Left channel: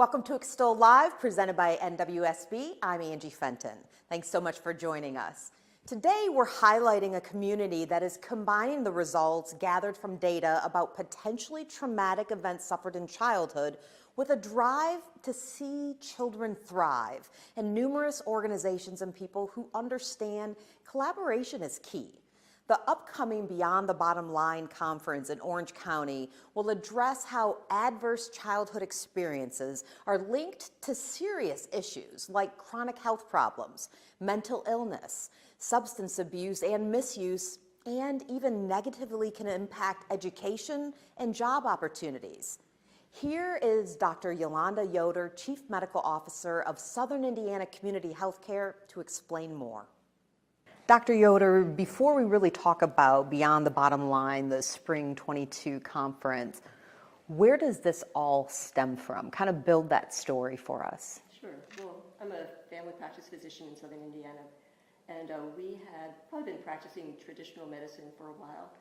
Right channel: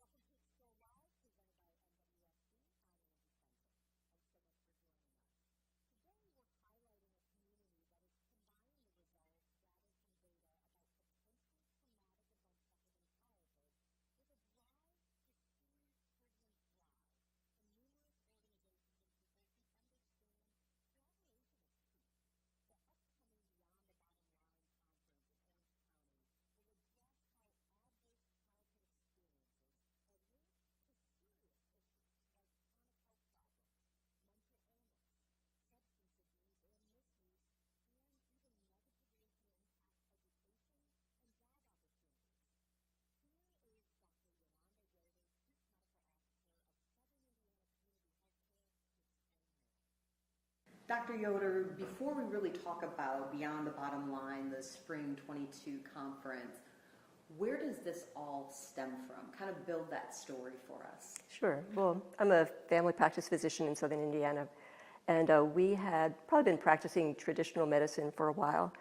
Welcome to Extol Live, presented by NWSB. I'm Angie Fenton. Thanks so much for joining us. Today, we're highlighting a community that is combining the results gathered from data about potentially traumatic events suffered in childhood with a drive to see children thrive, and numerous organizations and people who understand collaboration is key. The upcoming Beyond the Bottom Line conference in Orange County will address how adverse childhood experiences are linked to serious issues like chronic health problems, mental illness, substance abuse and misuse, and even negatively can impact education and job opportunities. Here is Dr. Yolanda Yoder, Chief Medical Officer of Southern Indiana Community Healthcare, to explain more. Dr. Yoder, before we really talk about Beyond the Bottom Line, the Spring 22 conference, where does this all stem from? Kind of build that story for us. Sure. Well, I'm a family practice physician in Southern Indiana, and we had probably been practicing traditional medicine for a while.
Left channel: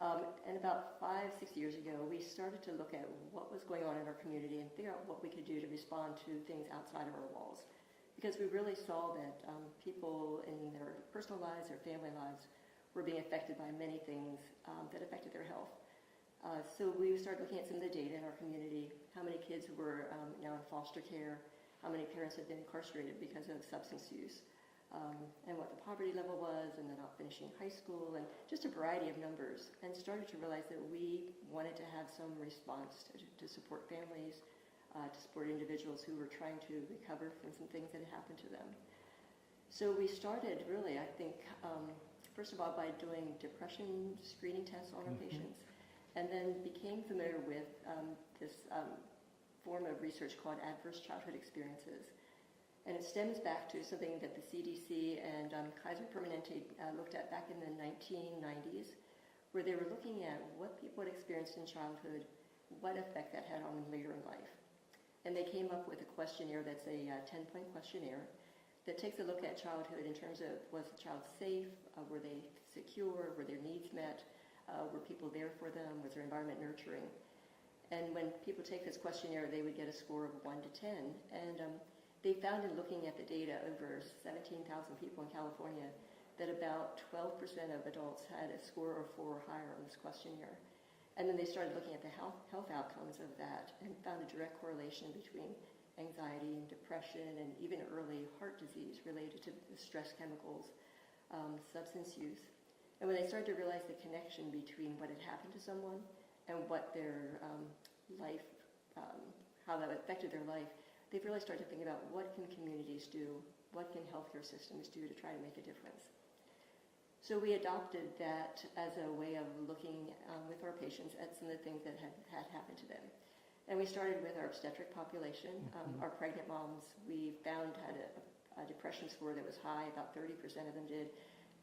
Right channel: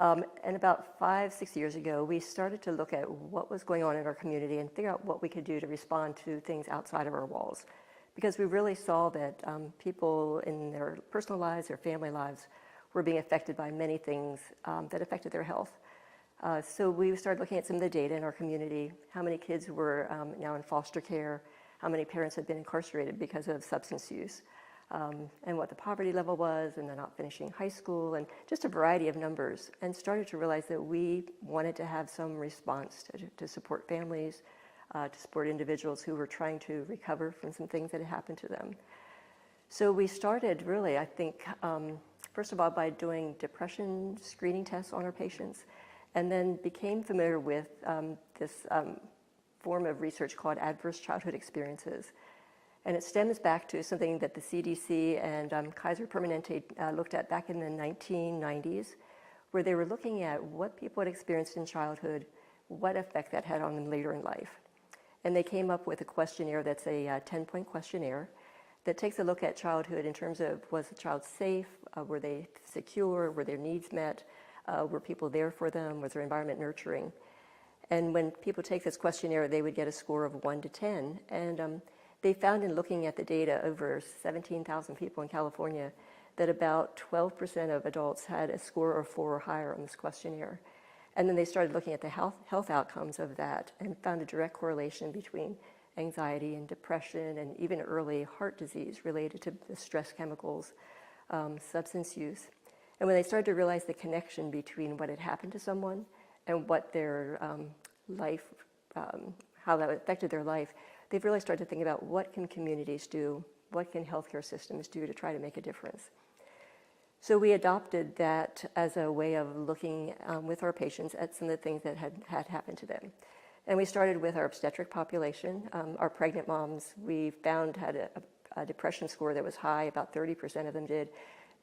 And about 5-6 years ago, we started to look at what was going on in our community and figure out what we could do to respond to things outside of our walls. Because we really saw that people in their personal lives, their family lives, were being affected by many things that affected their health. So we started looking at some of the data in our community, how many kids were now in foster care, how many parents had been incarcerated because of substance use, and what the poverty level was, and they're not finishing high school, and just a variety of numbers, and started to realize that we wanted to have some response to support families, to support individuals who were trying to recover from some things that had happened to them. So we started really, I think, first of all, by doing depression screening tests on our patients, and then became familiar with this form of research called adverse childhood experiences. And it stems back to something that the CDC and Kaiser Permanente looked at back in the 1990s, where they were looking at what people had experienced in childhood, what effect that had on them later in life. And they came up with a questionnaire that's a 10-point questionnaire that takes a look at childhood in terms of, was the child safe, were they secure, were their needs met, were people there for them, was their environment nurturing. And when people take this questionnaire, they would get a score of 1 to 10. And they found in looking at the data over 17,000 people in California that about 12% of adults had a score of 4 or higher on this questionnaire. And then they started looking at the health outcomes of that and found a direct correlation between anxiety and depression and even early heart disease related to the stress chemicals, substance use. And when they started to realize the connection between what had happened to someone and what their life, how that affected their life, they've really started to think about what can communities do, what can healthcare systems do to try to make a difference. So we adopted that as a way of looking with our patients at some of the things that had happened to them. And we started with our obstetric population. Our pregnant moms, we found had a depression score that was high, about 30% of them did.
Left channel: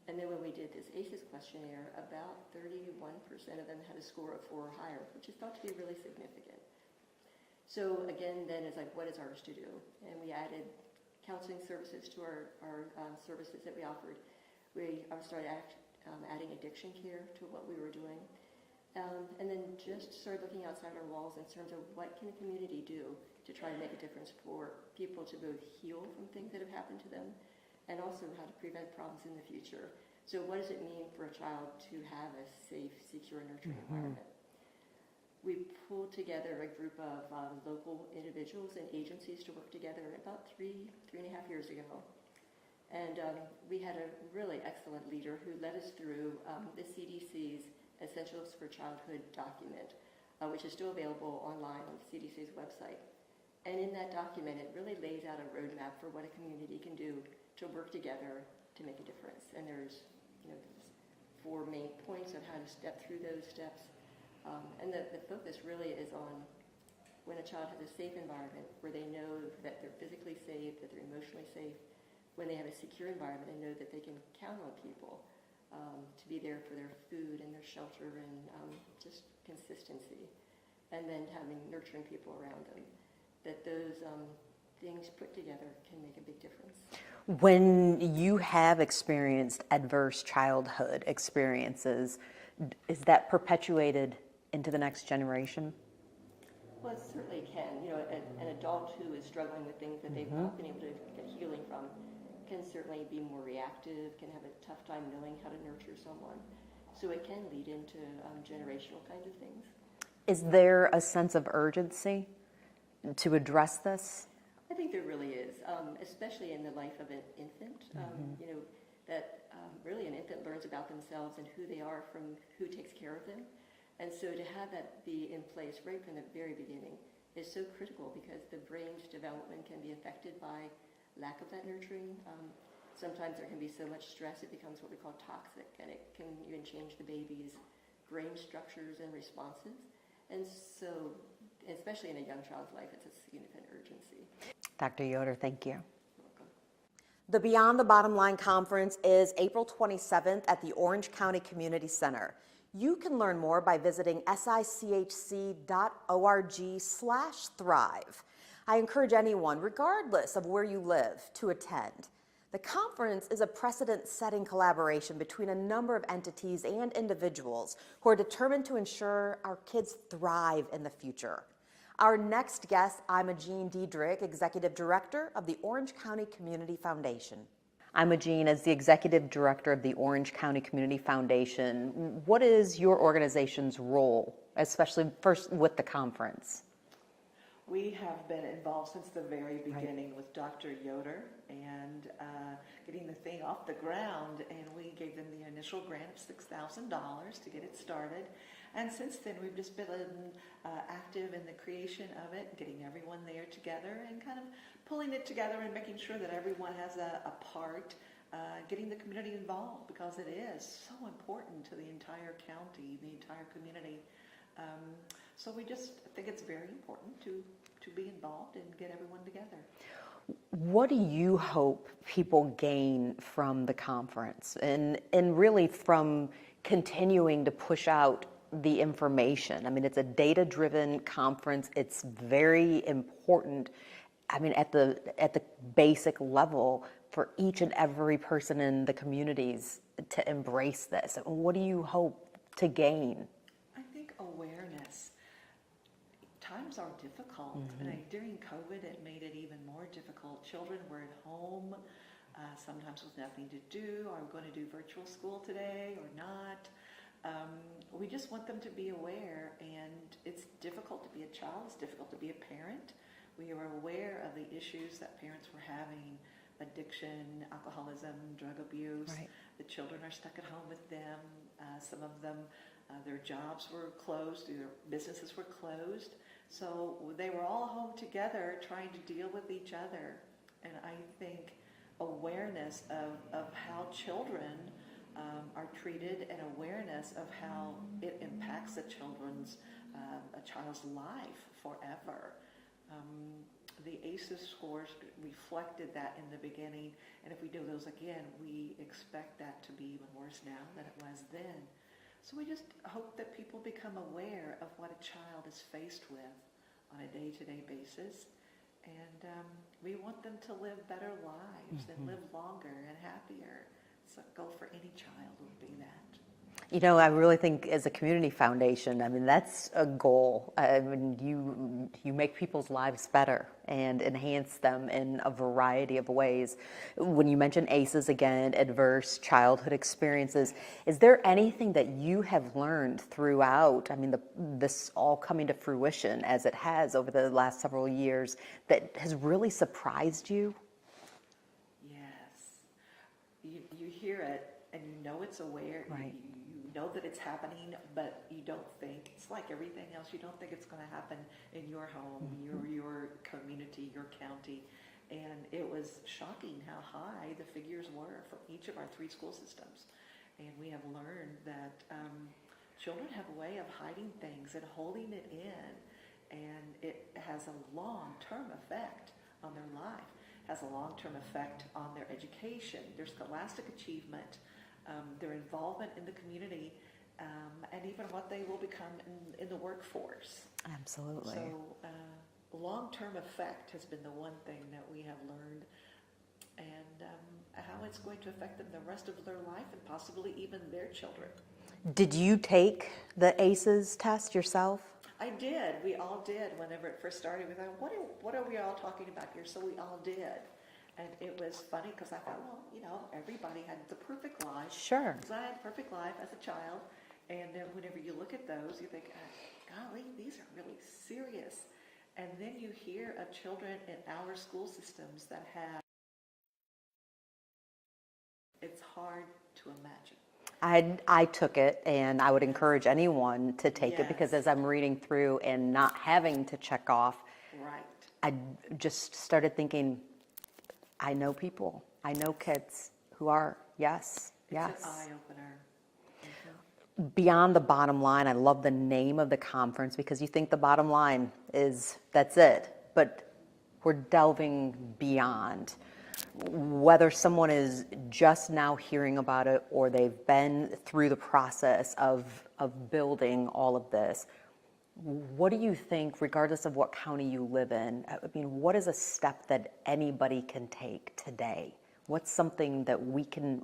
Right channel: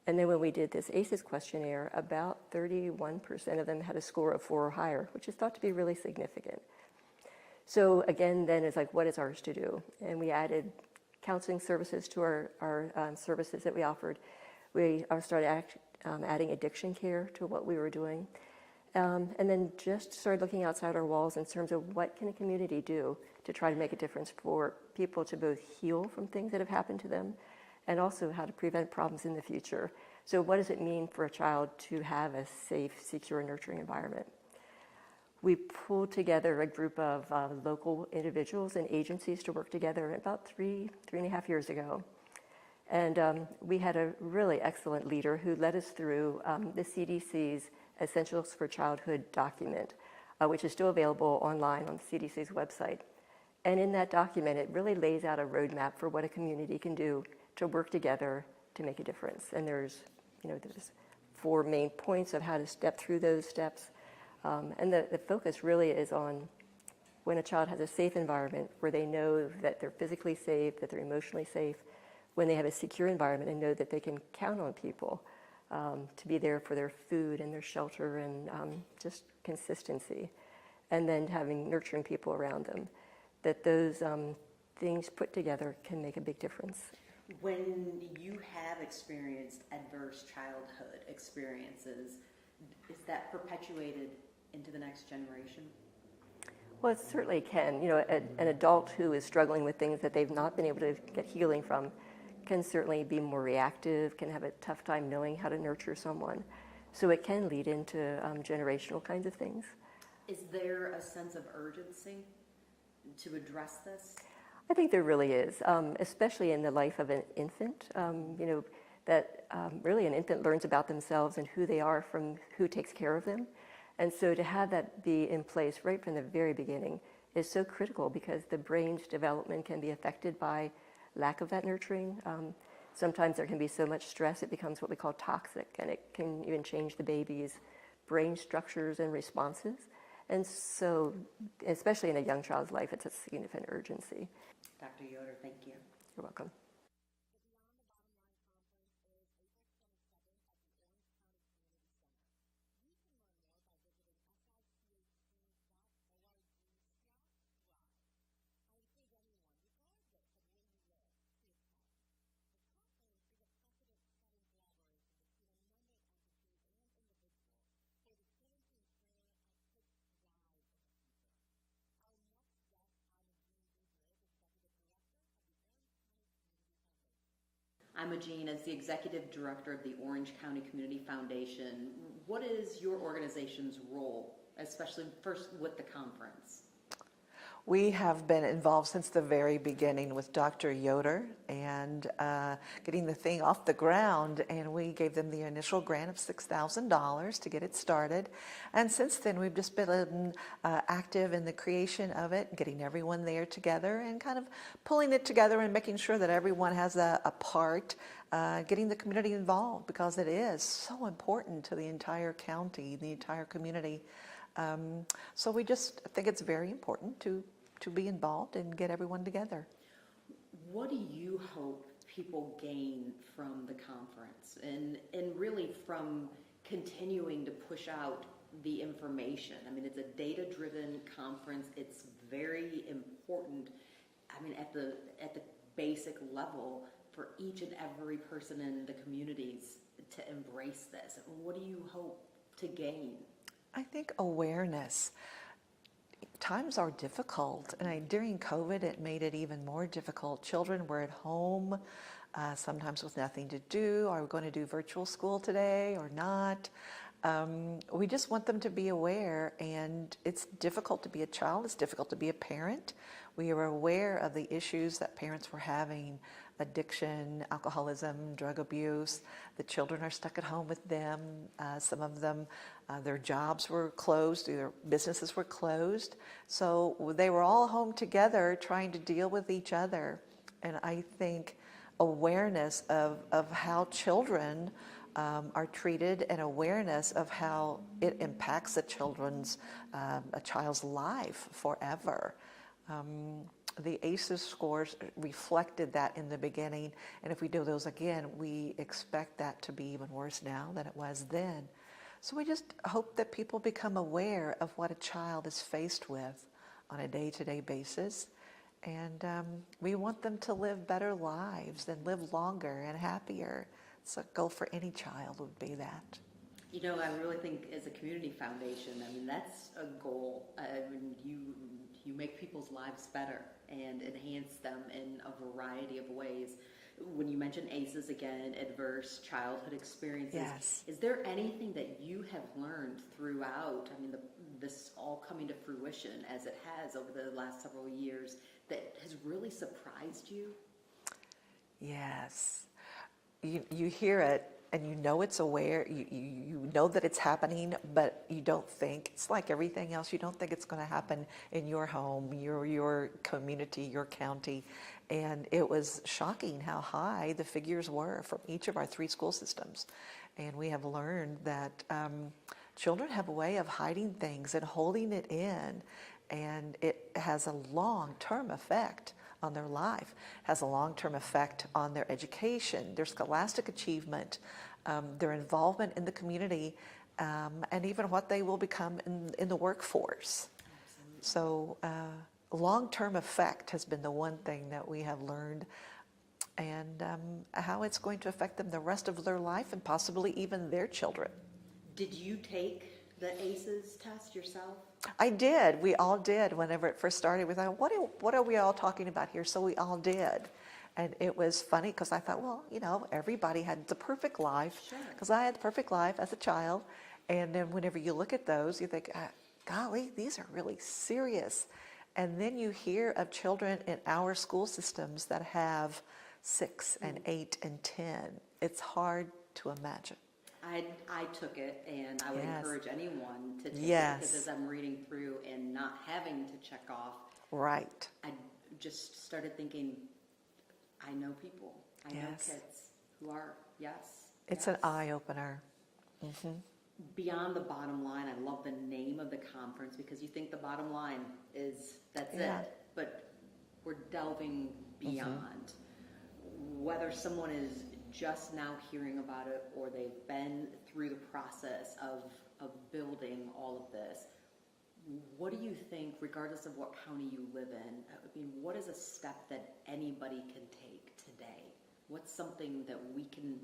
And then when we did this ACEs questionnaire, about 31% of them had a score of 4 or higher, which is thought to be really significant. So again, then it's like, what is ours to do? And we added counseling services to our services that we offered. We started adding addiction care to what we were doing. And then just started looking outside our walls in terms of what can a community do to try to make a difference for people to both heal from things that have happened to them and also how to prevent problems in the future. So what does it mean for a child to have a safe, secure, nurturing environment? We pulled together a group of local individuals and agencies to work together about 3.5 years ago. And we had a really excellent leader who led us through the CDC's Essentials for Childhood document, which is still available online on the CDC's website. And in that document, it really lays out a roadmap for what a community can do to work together to make a difference. And there's 4 main points of how to step through those steps. And the focus really is on when a child has a safe environment where they know that they're physically safe, that they're emotionally safe, when they have a secure environment and know that they can count on people to be there for their food and their shelter and just consistency. And then having nurturing people around them, that those things put together can make a big difference. When you have experienced adverse childhood experiences, is that perpetuated into the next generation? Well, it certainly can. You know, an adult who is struggling with things that they've not been able to get healing from can certainly be more reactive, can have a tough time knowing how to nurture someone. So it can lead into generational kinds of things. Is there a sense of urgency to address this? I think there really is, especially in the life of an infant. You know, that really an infant learns about themselves and who they are from who takes care of them. And so to have that be in place right from the very beginning is so critical, because the brain's development can be affected by lack of that nurturing. Sometimes there can be so much stress it becomes what we call toxic, and it can even change the baby's brain structures and responses. And so, especially in a young child's life, it's a significant urgency. Dr. Yoder, thank you. You're welcome. The Beyond the Bottom Line Conference is April 27th at the Orange County Community Center. You can learn more by visiting sichc.org/thrive. I encourage anyone, regardless of where you live, to attend. The conference is a precedent-setting collaboration between a number of entities and individuals who are determined to ensure our kids thrive in the future. Our next guest, Imogene Diedrich, Executive Director of the Orange County Community Foundation. Imogene, as the Executive Director of the Orange County Community Foundation, what is your organization's role, especially first with the conference? We have been involved since the very beginning with Dr. Yoder and getting the thing off the ground, and we gave them the initial grant of $6,000 to get it started. And since then, we've just been active in the creation of it, getting everyone there together and kind of pulling it together and making sure that everyone has a part, getting the community involved, because it is so important to the entire county, the entire community. So we just think it's very important to be involved and get everyone together. What do you hope people gain from the conference and really from continuing to push out the information? I mean, it's a data-driven conference. It's very important, I mean, at the basic level for each and every person in the communities to embrace this. What do you hope to gain? I think awareness. Times are difficult, and during COVID, it made it even more difficult. Children were at home, sometimes with nothing to do. Are we going to do virtual school today or not? We just want them to be aware, and it's difficult to be a child. It's difficult to be a parent. We are aware of the issues that parents were having: addiction, alcoholism, drug abuse. Right. The children are stuck at home with them. Some of them, their jobs were closed, their businesses were closed. So they were all home together trying to deal with each other. And I think awareness of how children are treated, and awareness of how it impacts a child's life forever. The ACEs scores reflected that in the beginning, and if we do those again, we expect that to be even worse now than it was then. So we just hope that people become aware of what a child is faced with on a day-to-day basis, and we want them to live better lives and live longer and happier. So a goal for any child would be that. You know, I really think as a community foundation, I mean, that's a goal. I mean, you make people's lives better and enhance them in a variety of ways. When you mention ACEs again, adverse childhood experiences, yes. Is there anything that you have learned throughout, I mean, this all coming to fruition as it has over the last several years, that has really surprised you? Yes. You hear it, and you know it's aware, right. You know that it's happening, but you don't think, it's like everything else, you don't think it's going to happen in your home, your community, your county. And it was shocking how high the figures were from each of our 3 school systems. And we have learned that children have a way of hiding things and holding it in, and it has a long-term effect on their life, has a long-term effect on their education, their scholastic achievement, their involvement in the community, and even what they will become in the workforce. Absolutely. So long-term effect has been the one thing that we have learned, and how it's going to affect them the rest of their life, and possibly even their children. Did you take the ACEs test yourself? I did. We all did. Whenever it first started, we thought, what are we all talking about here? So we all did. And it was funny because I thought, well, everybody had the perfect life. Sure. Because I had the perfect life as a child. And then whenever you look at those, you think, golly, these are really serious. And then you hear of children in our school systems that have 6 and 8 and 10. It's hard to imagine. I took it, and I would Yes. encourage anyone to take it, because Yes. as I'm reading through and not having to check off, Right. I just started thinking, I know people, I know Yes. kids who are, yes. It's yes. an eye-opener. Beyond the bottom line, I love the name of the conference, because you think the bottom line is that's Yeah. it, but we're delving beyond. Whether someone is just now hearing about it or they've been through the process of building all of this, what do you think, regardless of what county you live in, I mean, what is a step that anybody can take today? What's something that we can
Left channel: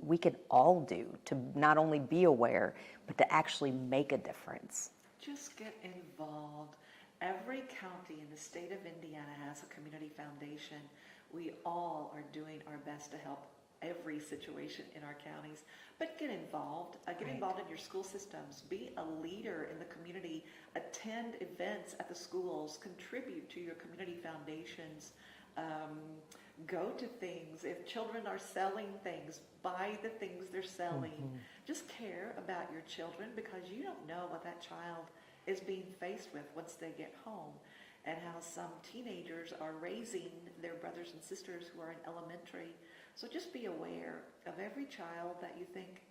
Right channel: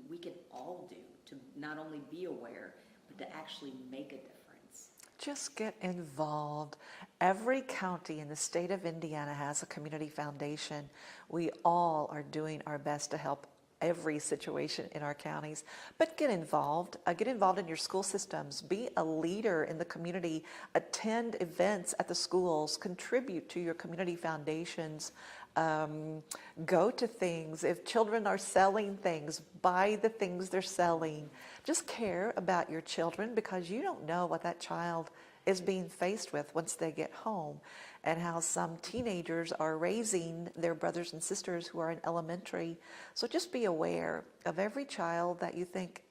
all do to not only be aware, but to actually make a difference? Just get involved. Every county in the state of Indiana has a community foundation. We all are doing our best to help every situation in our counties, but get involved. Get involved in your school systems. Be a leader in the community. Attend events at the schools. Contribute to your community foundations. Go to things. If children are selling things, buy the things they're selling. Just care about your children, because you don't know what that child is being faced with once they get home, and how some teenagers are raising their brothers and sisters who are in elementary. So just be aware of every child that you think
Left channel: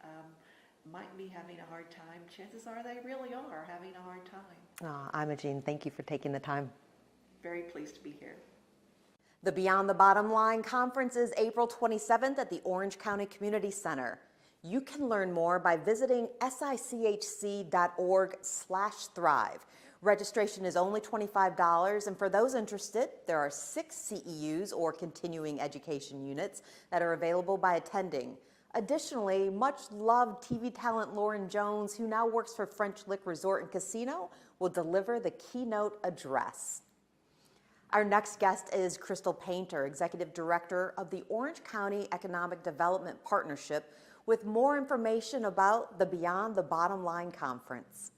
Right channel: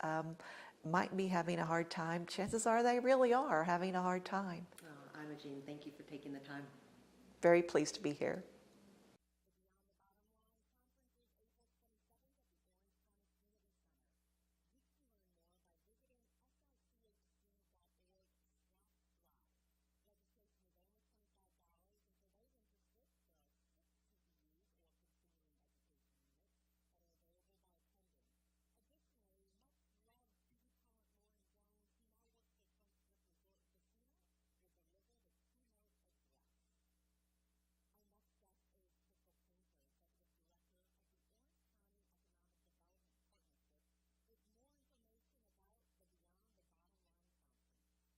might be having a hard time. Chances are they really are having a hard time. Imogene, thank you for taking the time. Very pleased to be here. The Beyond the Bottom Line Conference is April 27th at the Orange County Community Center. You can learn more by visiting sichc.org/thrive. Registration is only $25, and for those interested, there are 6 CEUs or continuing education units that are available by attending. Additionally, much-loved TV talent Lauren Jones, who now works for French Lick Resort and Casino, will deliver the keynote address. Our next guest is Crystal Painter, Executive Director of the Orange County Economic Development Partnership, with more information about the Beyond the Bottom Line Conference.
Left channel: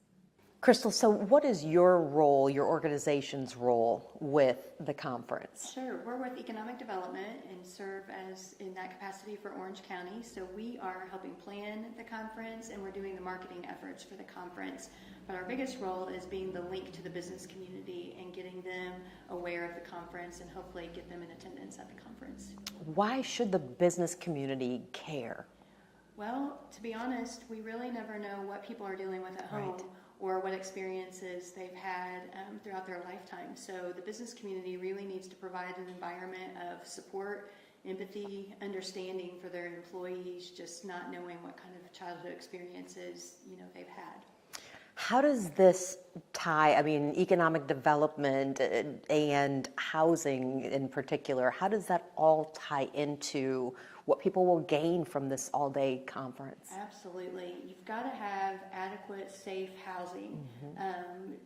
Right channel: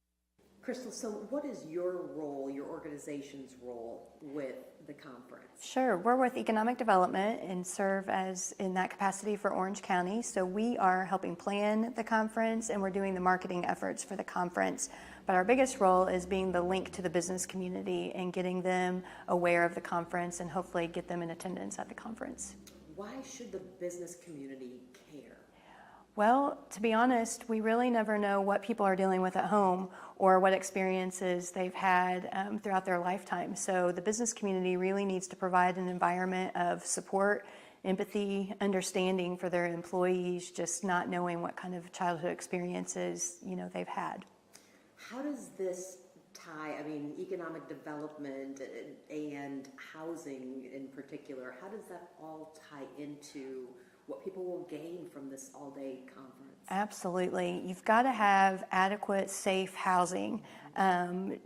Crystal, so what is your role, your organization's role with the conference? Sure. We're with Economic Development and serve as in that capacity for Orange County. So we are helping plan the conference, and we're doing the marketing efforts for the conference. But our biggest role is being the link to the business community and getting them aware of the conference and hopefully get them in attendance at the conference. Why should the business community care? Well, to be honest, we really never know what people are dealing with at home or what experiences they've had throughout their lifetime. So the business community really needs to provide an environment of support, empathy, understanding for their employees, just not knowing what kind of childhood experiences, they've had. How does this tie, economic development and housing in particular, how does that all tie into what people will gain from this all-day conference? Absolutely. You've got to have adequate, safe housing, and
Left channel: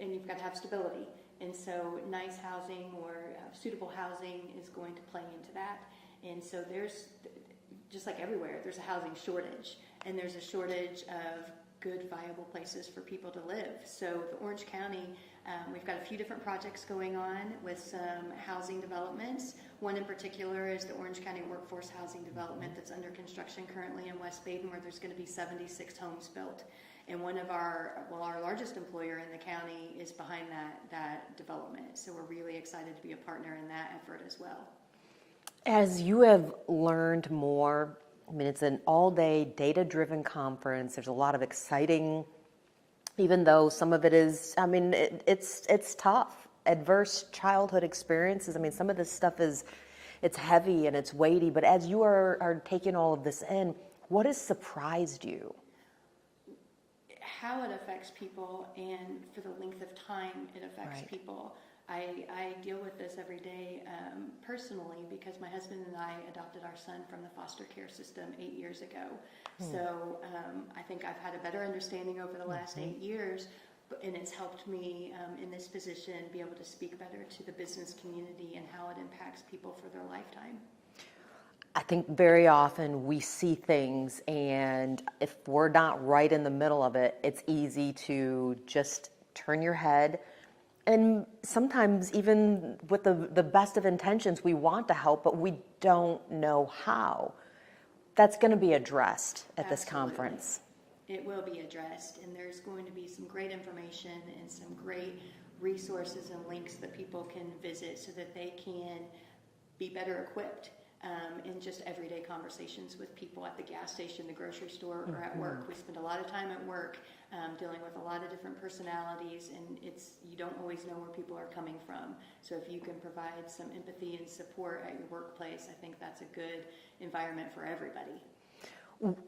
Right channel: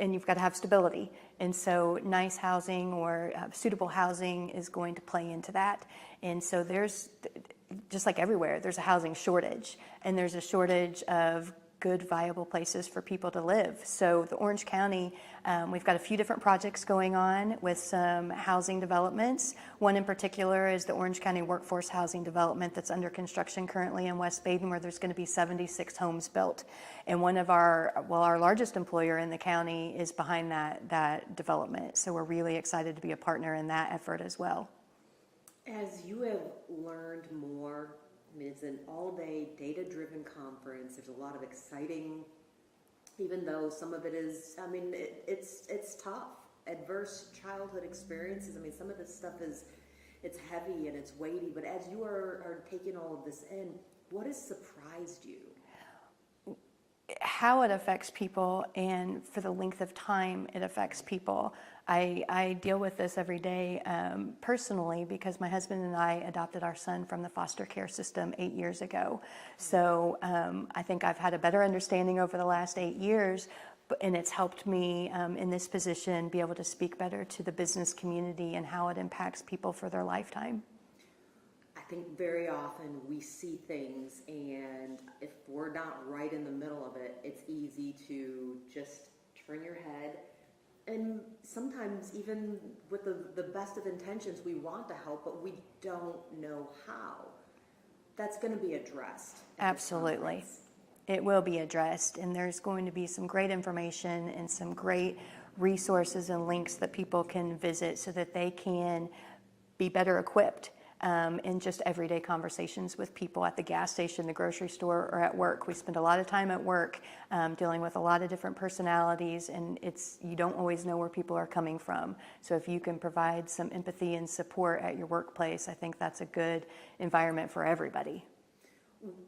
you've got to have stability. And so nice housing or suitable housing is going to play into that. And so there's, just like everywhere, there's a housing shortage, and there's a shortage of good, viable places for people to live. So the Orange County, we've got a few different projects going on with some housing developments. One in particular is the Orange County Workforce Housing Development that's under construction currently in West Baden, where there's going to be 76 homes built. And one of our largest employer in the county is behind that development. So we're really excited to be a partner in that effort as well. As you have learned more, it's an all-day data-driven conference. There's a lot of exciting, even though some of it is, it's tough. Adverse childhood experiences. Some of this stuff it's heavy and it's weighty, but as you are taking all of this in, what has surprised you? How it affects people and for the length of time it affects people. I deal with this every day personally because my husband and I adopted our son from the foster care system 8 years ago. So I think I've had a better understanding over the last 8 years, and it's helped me in this position be able to speak better to the business community and how it impacts people for their lifetime. I think very often we see things, and if we're not right in the middle of it, it's easy to just turn your head. And sometimes even with the best of intentions, we want to help, but we don't know how. That's going to be addressed at this conference. It will be addressed, and there's going to be some great information and some great resources and links that people can visit so that they can be better equipped in just everyday conversations with people at the gas station, the grocery store, or at work. We spend a lot of time at work dealing with a lot of different personalities, and you don't always know where people are coming from. So if you can provide some empathy and support at your workplace, I think that's a good environment for everybody.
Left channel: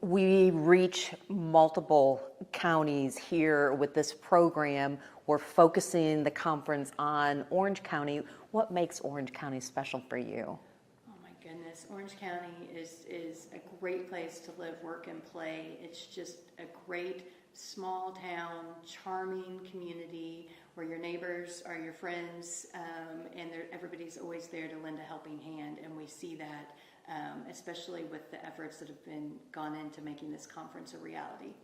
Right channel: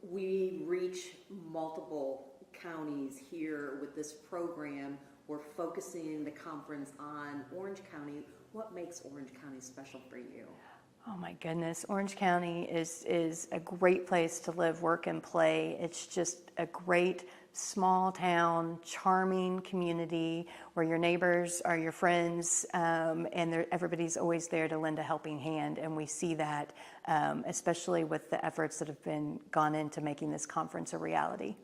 We reach multiple counties here with this program. We're focusing the conference on Orange County. What makes Orange County special for you? Oh my goodness, Orange County is a great place to live, work, and play. It's just a great small town, charming community where your neighbors are your friends, and everybody's always there to lend a helping hand. And we see that, especially with the efforts that have been gone into making this conference a reality.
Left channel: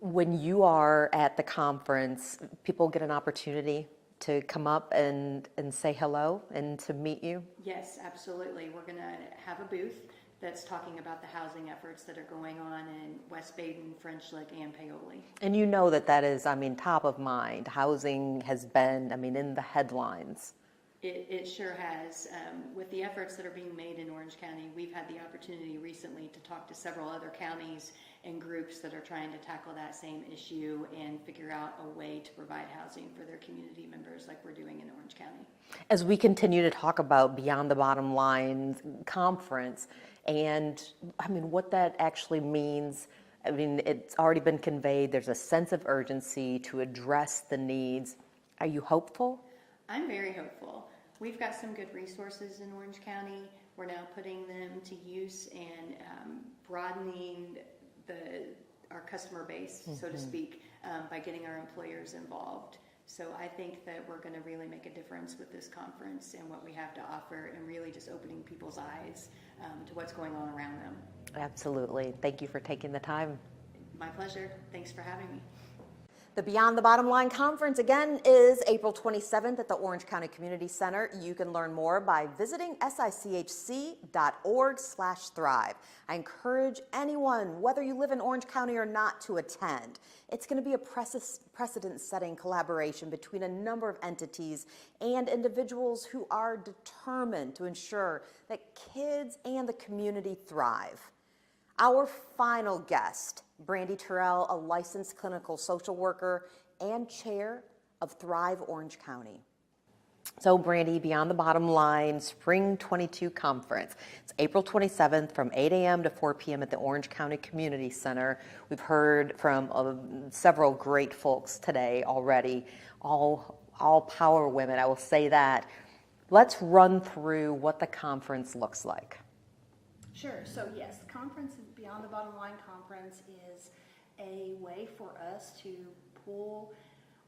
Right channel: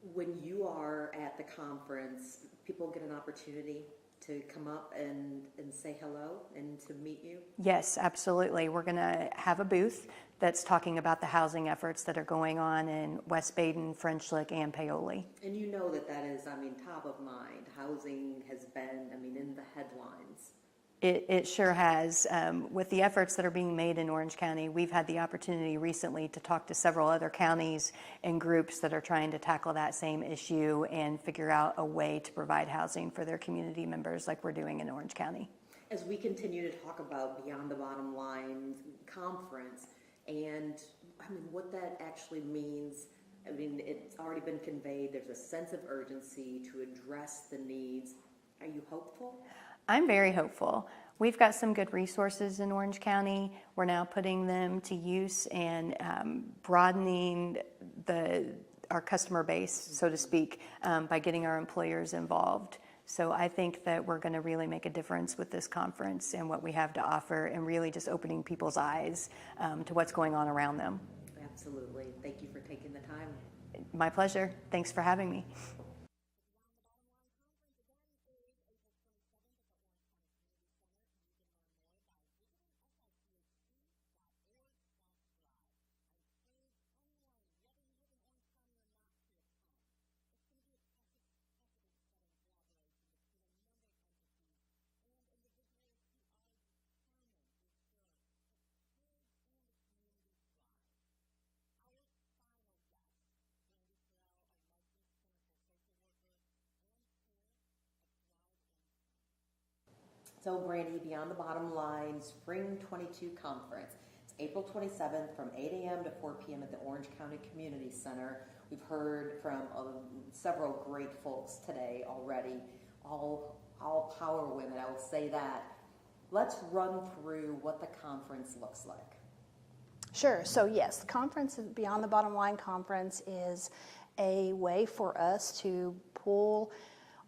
When you are at the conference, people get an opportunity to come up and say hello and to meet you? Yes, absolutely. We're going to have a booth that's talking about the housing efforts that are going on in West Baden, French Lick, and Paoli. And you know that is, top of mind. Housing has been, in the headlines. It sure has. With the efforts that are being made in Orange County, we've had the opportunity recently to talk to several other counties and groups that are trying to tackle that same issue and figure out a way to provide housing for their community members like we're doing in Orange County. As we continue to talk about Beyond the Bottom Line conference and what that actually means, it's already been conveyed. There's a sense of urgency to address the needs. Are you hopeful? I'm very hopeful. We've got some good resources in Orange County. We're now putting them to use and broadening our customer base, so to speak, by getting our employers involved. So I think that we're going to really make a difference with this conference and what we have to offer, and really just opening people's eyes to what's going on around them. Absolutely. Thank you for taking the time. My pleasure. Thanks for having me. The Beyond the Bottom Line Conference, again, is April 27th at the Orange County Community Center. You can learn more by visiting sichc.org/thrive. I encourage anyone, whether you live in Orange County or not, to attend. It's going to be a precedent-setting collaboration between a number of entities and individuals who are determined to ensure that kids and the community thrive. Our final guest, Brandy Terrell, a licensed clinical social worker and chair of Thrive Orange County. So Brandy, Beyond the Bottom Line Spring 22 Conference. It's April 27th from 8 a.m. to 4 p.m. at the Orange County Community Center. We've heard from several great folks today already, all power women, I will say that. Let's run through what the conference looks like. Sure. So yes, the conference, Beyond the Bottom Line Conference, is a way for us to pull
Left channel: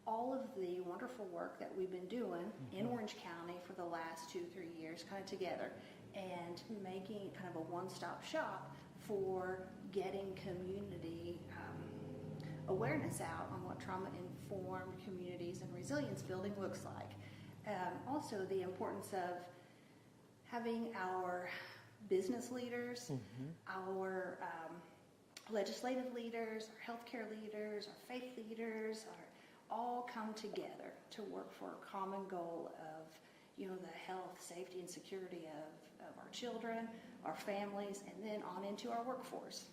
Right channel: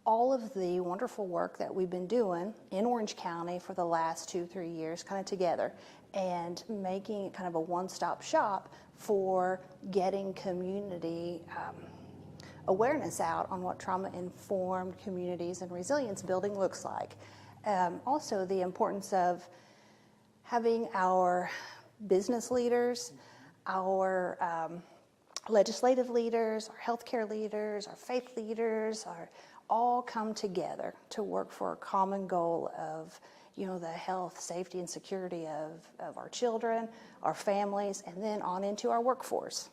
all of the wonderful work that we've been doing in Orange County for the last 2-3 years kind of together and making it kind of a one-stop shop for getting community awareness out on what trauma-informed communities and resilience building looks like. Also, the importance of having our business leaders, our legislative leaders, our healthcare leaders, our faith leaders, all come together to work for a common goal of, the health, safety, and security of our children, our families, and then on into our workforce.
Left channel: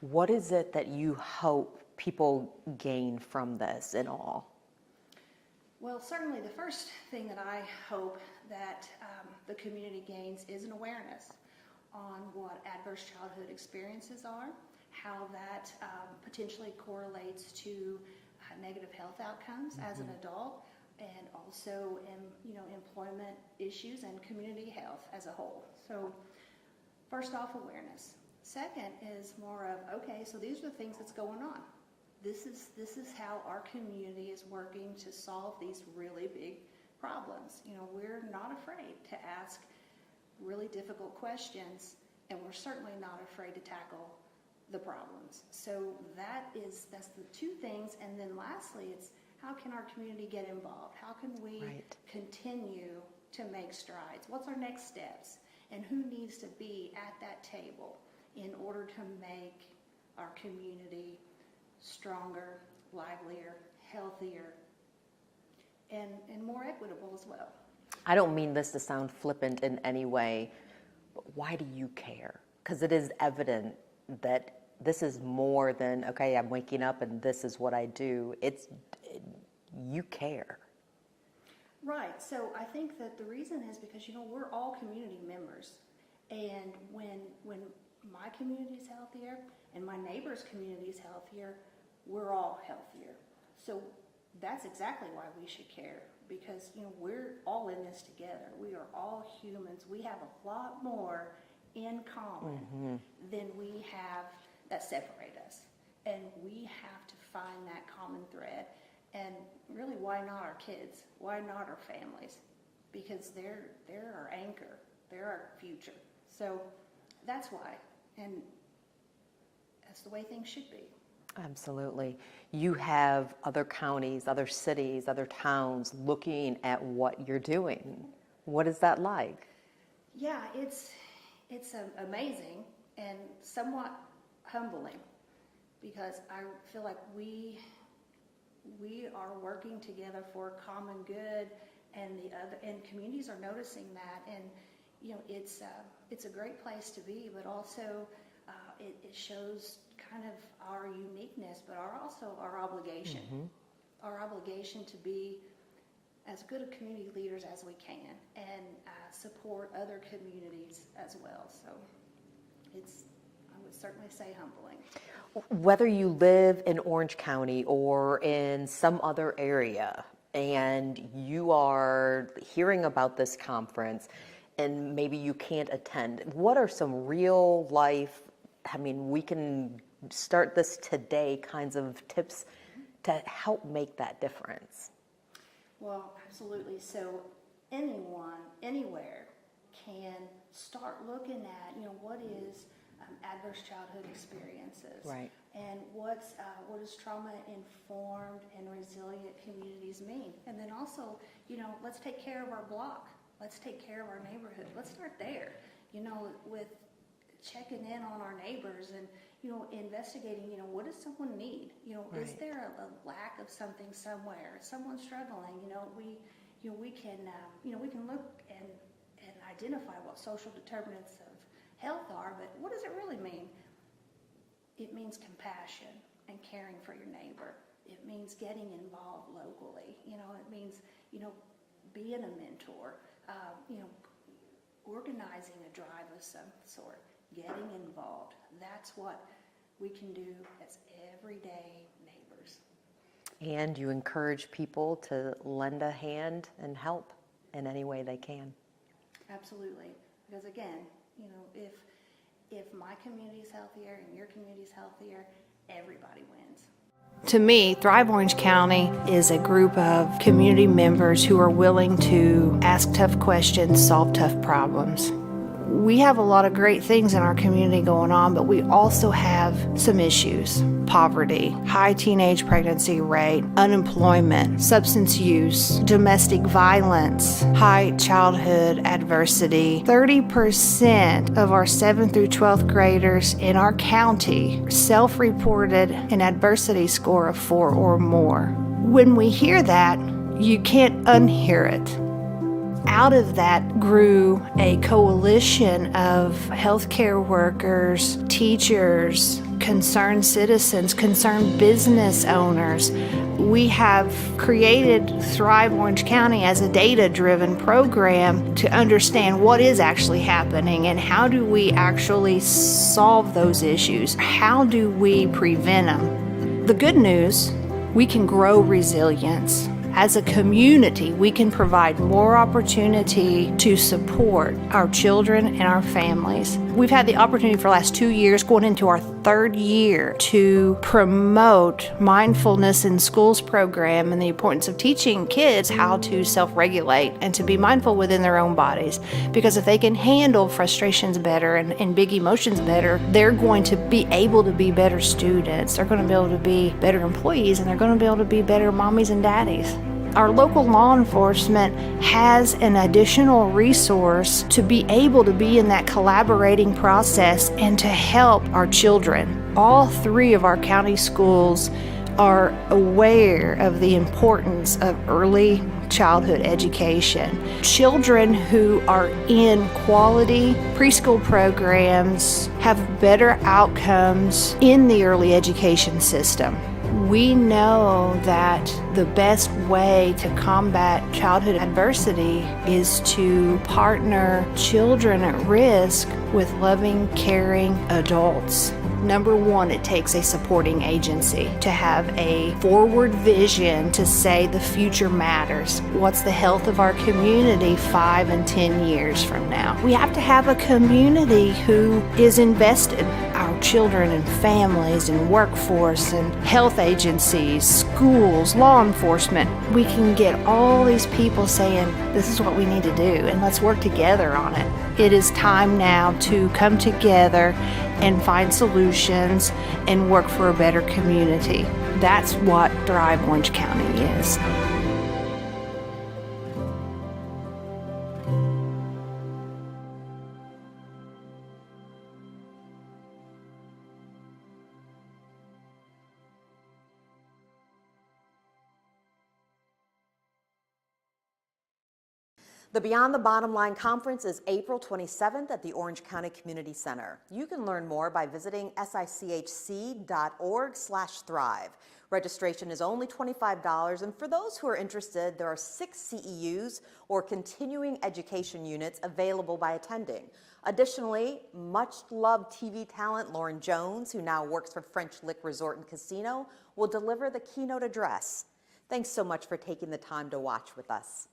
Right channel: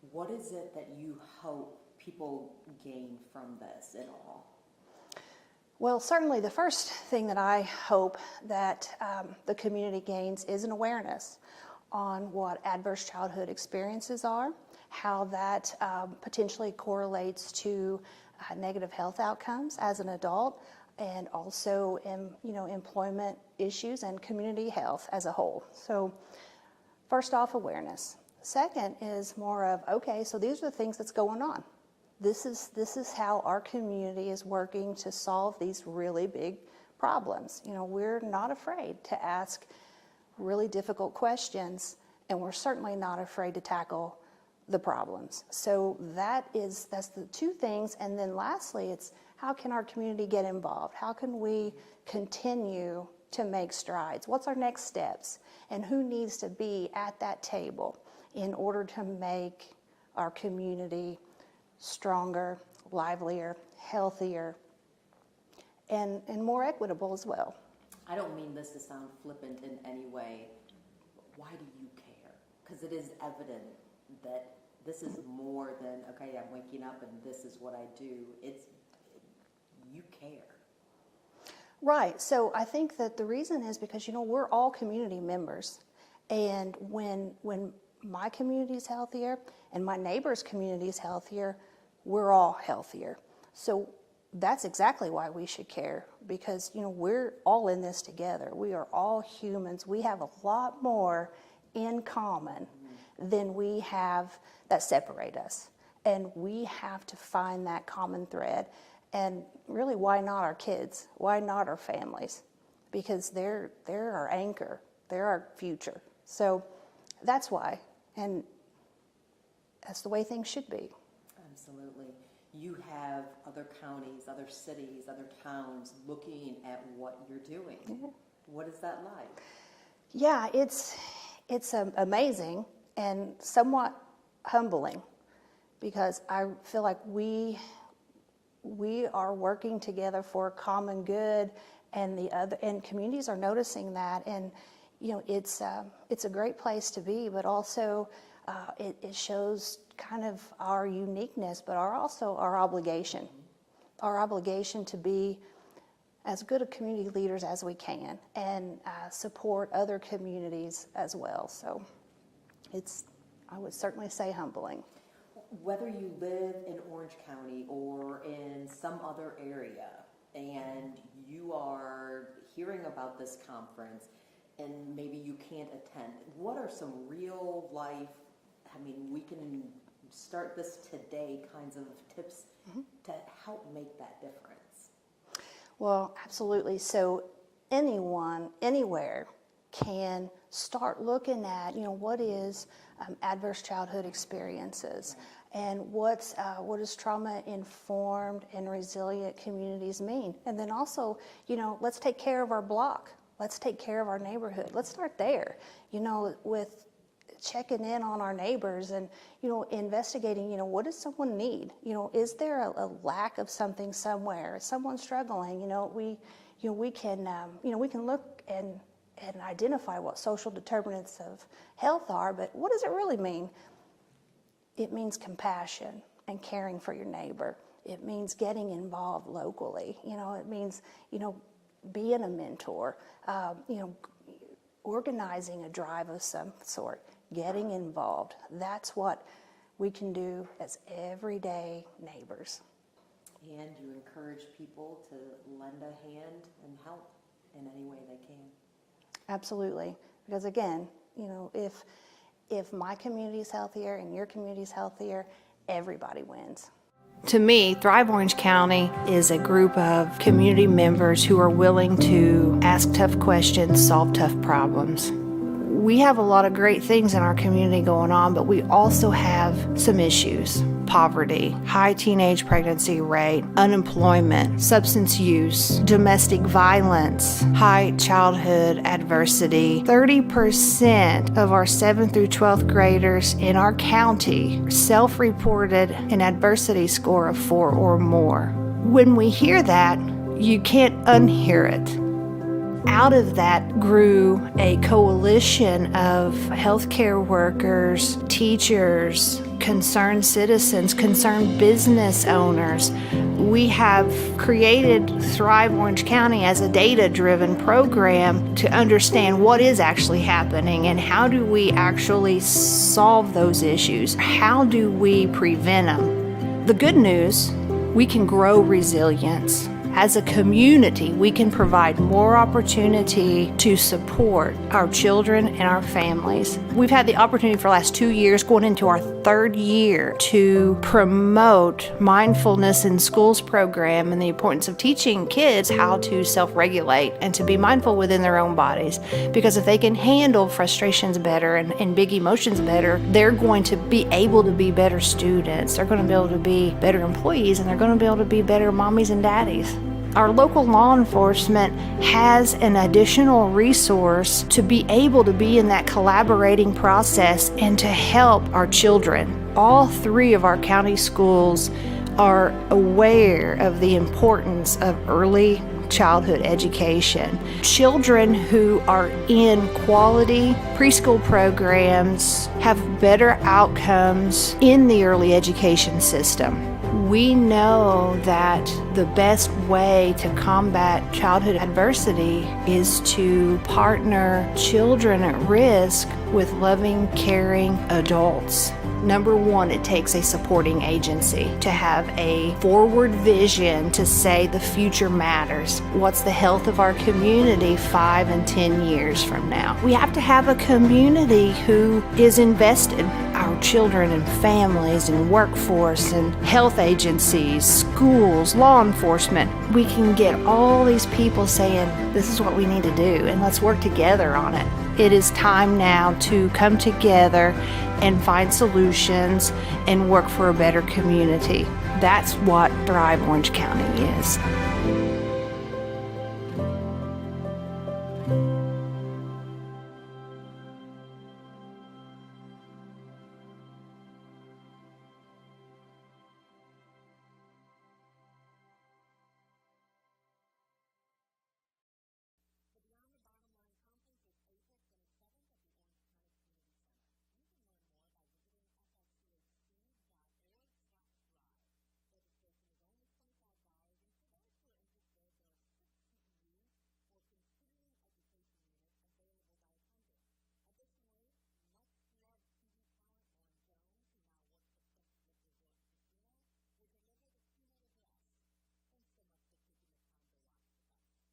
What is it that you hope people gain from this in all? Well, certainly the first thing that I hope that the community gains is an awareness on what adverse childhood experiences are, how that potentially correlates to negative health outcomes as an adult, and also employment issues and community health as a whole. So first off, awareness. Second is more of, okay, so these are the things that's going on. This is how our community is working to solve these really big problems. We're not afraid to ask really difficult questions, and we're certainly not afraid to tackle the problems. So that's the two things. And then lastly, it's how can our community get involved? How can we continue to make strides? What's our next steps? And who needs to be at that table in order to make our community stronger, livelier, healthier, and more equitable as well? I don't mean this to sound flippant in any way, but why do you care? Because it is evident that this is more than, okay, I'm waking up and this is what I do. You care. Right. So I think that the reason is because, we're all community members. And when my community is healthier and my neighbor's community is healthier, we're all healthier. So that's exactly why we should care, because, we're all in this together. We are all humans. We have a lot more in common than we have that separate us. And we have to find that common thread. And really, why not our kids? Why not our families? Because they're our anchor. They're our future. So that's why. And that's the way things should be. Absolutely. You have other counties, other cities, other towns looking at what you're doing. What is that like? Yeah, it's amazing and somewhat humbling, because I feel like we are working together for a common good, and communities are noticing that, and it's a great place to be, but also it shows kind of our uniqueness, but also our obligation, our obligation to be as good a community leaders as we can, and support other communities as well. So I would certainly say, humbling. Whether you live in Orange County or in some other area, and you are hearing about this conference and maybe you can't attend, what are some real life, we can start this today kinds of tips to help make that difference? Well, absolutely. So anyone, anywhere can start looking at, what is adverse childhood experiences, and what does trauma-informed and resilient communities mean? And then also, let's take care of our block. Let's take care of our neighborhood. Let's start there, with checking in on our neighbors and, investigating, what does someone need? Is there a lack of something somewhere? Is someone struggling? We can look and identify what social determinants of health are, but what does it really mean? It means compassion and caring for your neighbor. It means getting involved locally. It means, being a mentor, organizing a drive of some sort, getting involved. That's what we can do as everyday neighbors. And you encourage people to lend a hand and help in any way they can. Absolutely. Because again, if my community is healthier and your community is healthier, everybody wins. To me, Thrive Orange County is a group of community members who are willing to ask tough questions, solve tough problems. We have a lot of great things in our community going on, but we also have some issues. Poverty, high teenage pregnancy rate, unemployment, substance use, domestic violence, high childhood adversity. 30% of our 7th through 12th graders in our county self-reported an adversity score of 4 or more. When we hear that, you can't unhear it. Out of that grew a coalition of healthcare workers, teachers, concerned citizens, concerned business owners. We have created Thrive Orange County as a data-driven program to understand what is actually happening and how do we actually solve those issues. How do we prevent them? The good news, we can grow resilience. As a community, we can provide more opportunity to support our children and our families. We've had the opportunity for the last 2 years, going into our 3rd year, to promote mindfulness in schools program and the importance of teaching kids how to self-regulate and to be mindful within their own bodies. Because if they can handle frustrations better and big emotions better, they're going to be able to be better students, they're going to be able to be better employees, and they're going to be able to be better mommies and daddies. Our local law enforcement has an additional resource to be able to be in that collaborating process and to help our children. All 3 of our county schools are aware of the importance of early childhood education. Children who are in quality preschool programs have better outcomes in the early education system. We know that the best way to combat childhood adversity is to partner children at risk with loving, caring adults. Number 1, it takes a supporting agency to have a forward vision to say the future matters. What's the health of our community 5 and 10 years from now? We have to have a community who is invested. Our children and families and workforce and health agencies, schools, law enforcement. We can get all these people saying, this is what we need to do, and let's work together on it. It is time now to come together and find solutions and work for a better community. That's what Thrive Orange County is. The Beyond the Bottom Line Conference is April 27th at the Orange County Community Center. You can learn more by visiting sichc.org/thrive. Registration is only $25, and for those who are interested, there are 6 CEUs or continuing education units available by attending. Additionally, much-loved TV talent Lauren Jones, who now works for French Lick Resort and Casino, will deliver the keynote address. Thanks so much for taking the time to watch with us.